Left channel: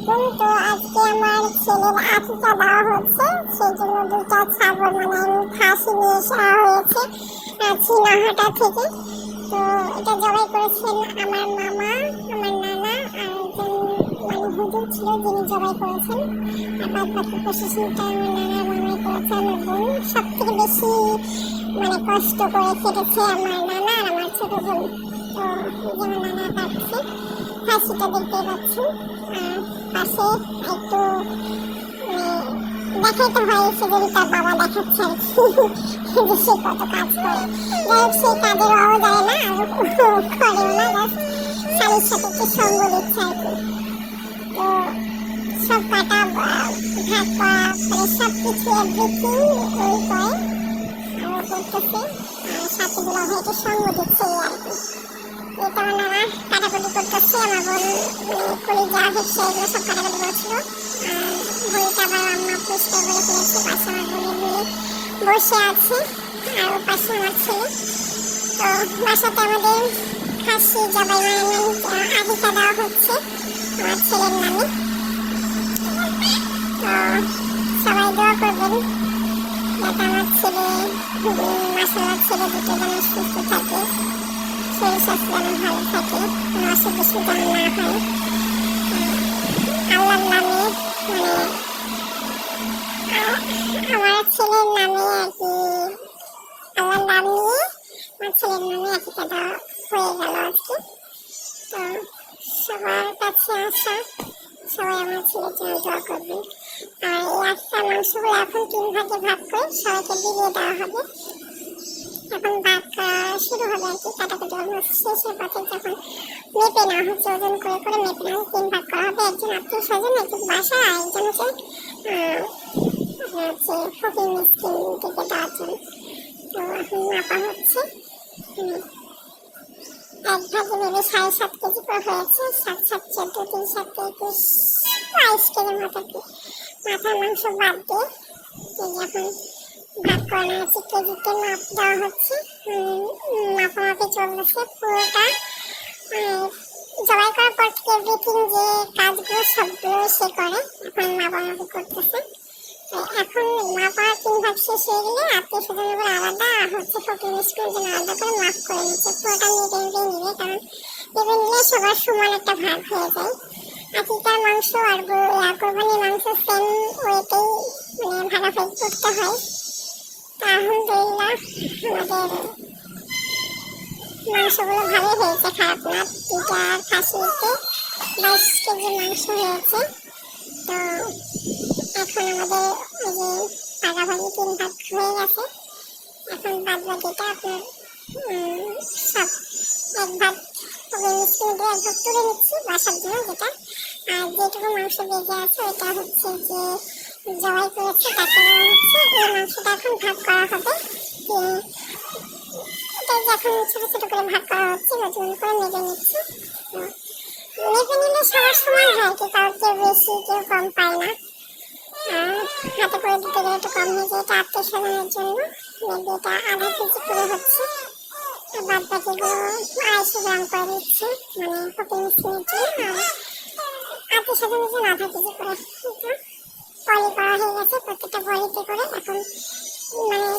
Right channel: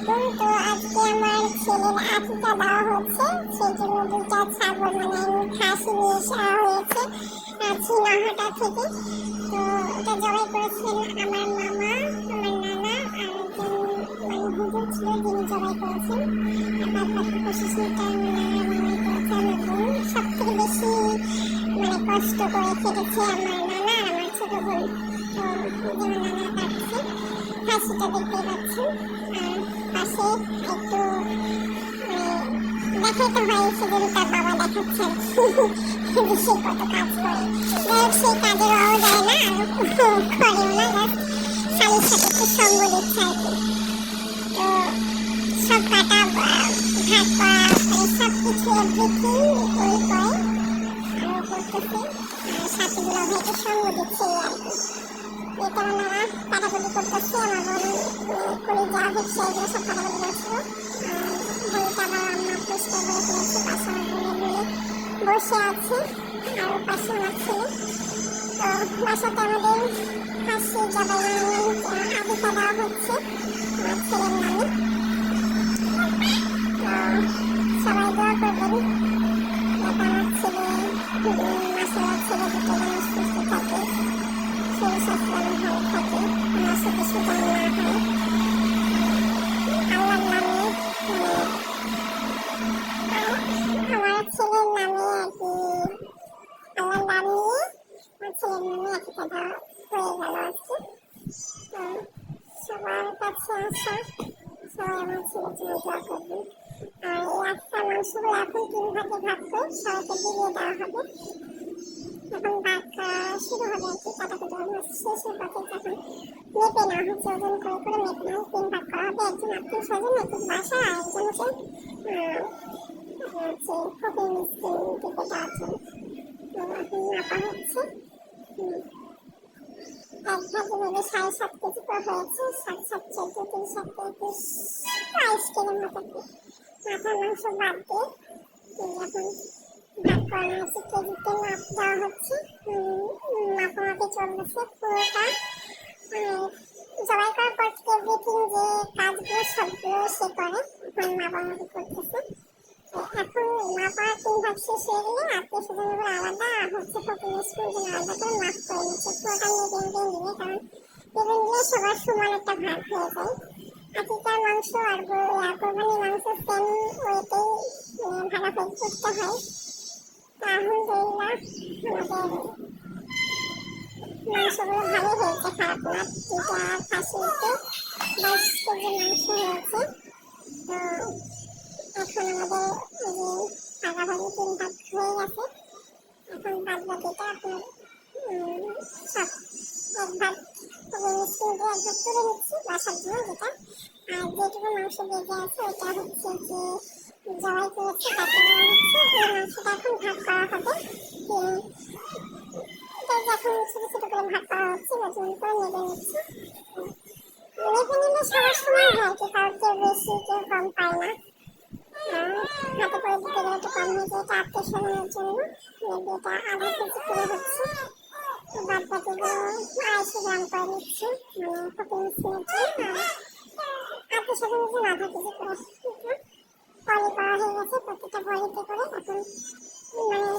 আলাইকুম। তো আজকে আমার ছেলের আকিকা দেওয়া হচ্ছে, সেই জন্য দুইটা ছাগল খাসি নিয়ে আসা হয়েছে চীনাহাটা থেকে। তো এটা জবাই করেছেন আমার মামা, আমার নানা আর একজন হুজুর ছিল যিনি জবাই করেছেন। আর বাদ বাকি প্রশাসনটা আমার নানার মামাই করেছে। আমার বোন সব থেকে বেশি কষ্ট করে কেটেছে আমার নানা আর আমার ছোট বোন। তো যেমন নানা কাটছে খাসিটা দেখতে পাচ্ছেন, পাশে একটু দেখাতে হয় সে যদি তার বাবা দেখাচ্ছে আর কি সে কত কাজ করে। সে কাজের অভাব যায় না আর করেও না, জাস্ট স্বামীর সাথে একটু সঙ্গ দিচ্ছে আর কি। তো সব কাটা ভাগ করা সব কিছু এভরিথিং ওই করে করতেছে, আর সাথে দুলা ভাইকে সঙ্গ দিচ্ছে আর কি। এটা আমার নানা কাটাকুটি করতেছে, আমার বোন কলিজা হচ্ছে এগুলো সব কাটাকুটি করছিল। আর বইটা আবার আম্মা পরিষ্কার করে ফেলেছে। পাশে আমার বোনের বলে বসে আছে আর ওর পাশে আমার ছেলে। তো বাসাতে আমাদের খাসি জবাই আকিকা দেওয়া হচ্ছে আমার ছেলের নামে। তো সবাই দোয়া করবেন যাতে আমার ছেলে মাশাআল্লাহ ছেলে দুটো যেন সুস্থ থাকে, শরীর স্বাস্থ্য যেন ভালো থাকে, কোনো অসুখ বিসুখ যেন না হয়। আল্লাহর নামে আমার ছেলের নামে আর কি, আল্লাহর নাম নিয়ে আমার ছেলের নামে আকিকা দেওয়া হয়ে গেল আজকে। তো সবার কাছে আসা সবাই আমার ছেলের জন্য দোয়া করবেন। আর এই একটা মাংসগুলো এখন 3 ভাগে ভাগ করে সবাইকে দিয়ে দেওয়া হবে। এখন ভাগ শুরু হবে আর কি, কাটাকুটি অলমোস্ট শেষের পথে। যখন মেপে নেওয়া হচ্ছে, ওজন করে করে মেপে নেওয়া 3 ভাগ করা হবে। একজন আত্মীয় স্বজন, একজন বাসা, আর একজন হচ্ছে ফকির মিসকিন থেকে 10 জন। তো এখন মাপা হচ্ছে, এক ভাগে ভেবে 7.5 কেজি করে হয়েছে। 7 7 14 3 7 21 22 কেজির মতো কি মাথার মাংস বাদ দিয়ে এখন ভাগ করানো হচ্ছে। কেজিতে মাপ দেওয়া হচ্ছে, মাপামাপি চলতেছে পুরোটা। জবাই করার পর থেকে এভরিথিং যে কাজগুলো সবগুলো সে করে, এখন মাপামাপি করতেছে। এখন মাপা 3 ভাগ শেষ হয়ে গেলে আত্মীয় স্বজনগুলো আলাদা আর হচ্ছে ফকির মিসকিনের জন্য আলাদা করে মাপ করে নিচ্ছে। পুরোটা নিয়ে নিবে, কারণ এবার নিলে সবার সমান একটা ভাগ হয়ে যায়। আকিকার মাংস আর কোরবানির মাংস সেম ওয়েতেই ভাগাভাগি করতে হয়। আলহামদুলিল্লাহ আমাদের মাংসগুলো ভালোই হয়েছে, খারাপ না। 2টা খাসিতে 22 কেজি মাংস হয়েছে। তো এখন আমাদের ওই যে ভাগাভাগি 3 ভাগ হয়ে গেছে। এখন বাদ বাকিটা আপনার সব এক ভাগ মিষ্টি দিয়ে এক ভাগ তুলে নিচ্ছি বাসার জন্য যেটা। আর যেটুকু মাংস বেঁচে আছে ওইটা হচ্ছে যে জবাই করেছে তাকে দেওয়া হচ্ছে। এই মাংসটা এখন ভাগ করা হবে, এটা এখন ছোট ছোট করে ভাগ করা হচ্ছে, ওজন করে মেপে নিচ্ছি। মেপে নিলে সবার সমান হয়, কি কারোর কেউ বেশি কেউ কম পায় না। হাতে করে দিতে গেলে একটু কম হয়ে যায়, এটা আত্মীয় স্বজনের জন্য। মেপে এটা আধা কেজি করে হচ্ছে, বাদ বাকিগুলো 250 গ্রাম করে দিচ্ছে, মানে ফকির মিসকিনের জন্য। আর আত্মীয় স্বজনের জন্য আধা কেজি করে পলি করা হয়ে গেছে। প্রত্যেকটা বলিতে করে এখন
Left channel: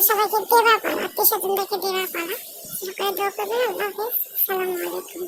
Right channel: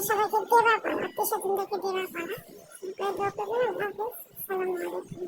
সবাইকে দেওয়া পালা, আত্মীয় স্বজনদেরকে দেওয়া পালা। সবাই দোয়া করবেন। আল্লাহ হাফেজ, আসসালামু আলাইকুম।